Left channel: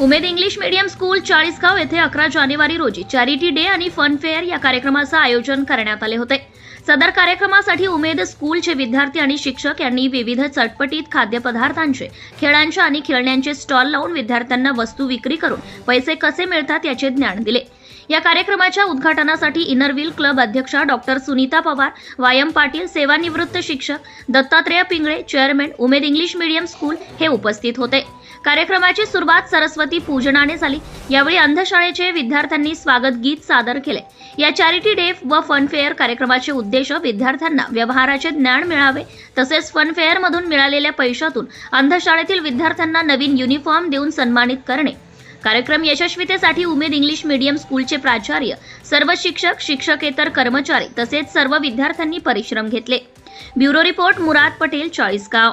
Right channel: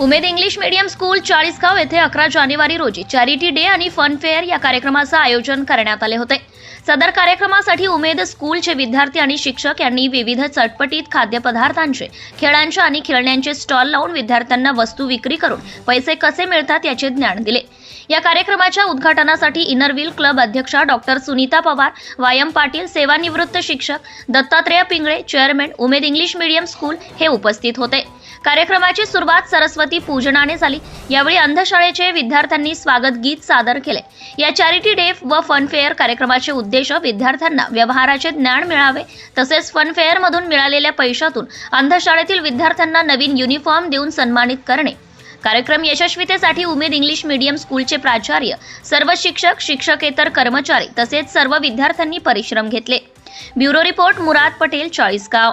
Umed English medium school Chalisgaon येथे अकरा जानेवारी रोजी चॅरिटी डे आणि फन फेअर या कार्यक्रमाचं आयोजन करण्यात आले होते. सदर कार्यक्रमासाठी उमेद स्कूलचे विद्यार्थी आणि शिक्षक यांनी विविध चटपटीत खाद्यपदार्थांचे खेळांचे आणि खेळण्यांचे स्टॉल लावून विद्यार्थ्यांना वस्तू विक्री करून पैसे कसे मिळतात याचे ज्ञान दिले. या कार्यक्रमाच्या उद्घाटनासाठी इनरव्हील क्लब अध्यक्षा डॉक्टर सुनीता पवार वायम पाटील सेवानिवृत्त शिक्षक Dattatreya Pingale chairman Umed English medium school हे उपस्थित होते. कार्यक्रमाची सुरुवात सरस्वती पूजनाने झाली. यावेळी अंधशाळेचे विद्यार्थ्यांनी स्वागत गीत सादर केले. या चॅरिटी डे व फनफेअर कार्यक्रमाचे उद्देश विद्यार्थ्यांना व्यवहाराचे ज्ञान मिळावे. तसेच फनफेअरमधून मधून मिळालेल्या पैशातून अंधशाळेतील विद्यार्थ्यांना नवीन युनिफॉर्म देऊन सन्मानित करणे. कार्यक्रम यशस्वीतेसाठी उमेद इंग्लिश मीडियम स्कूलचे प्राचार्य सर्व शिक्षक शिक्षकेतर कर्मचारी तसेच सर्व विद्यार्थ्यांनी परिश्रम घेतले. Bureau report Murad Patel Chalisgaon.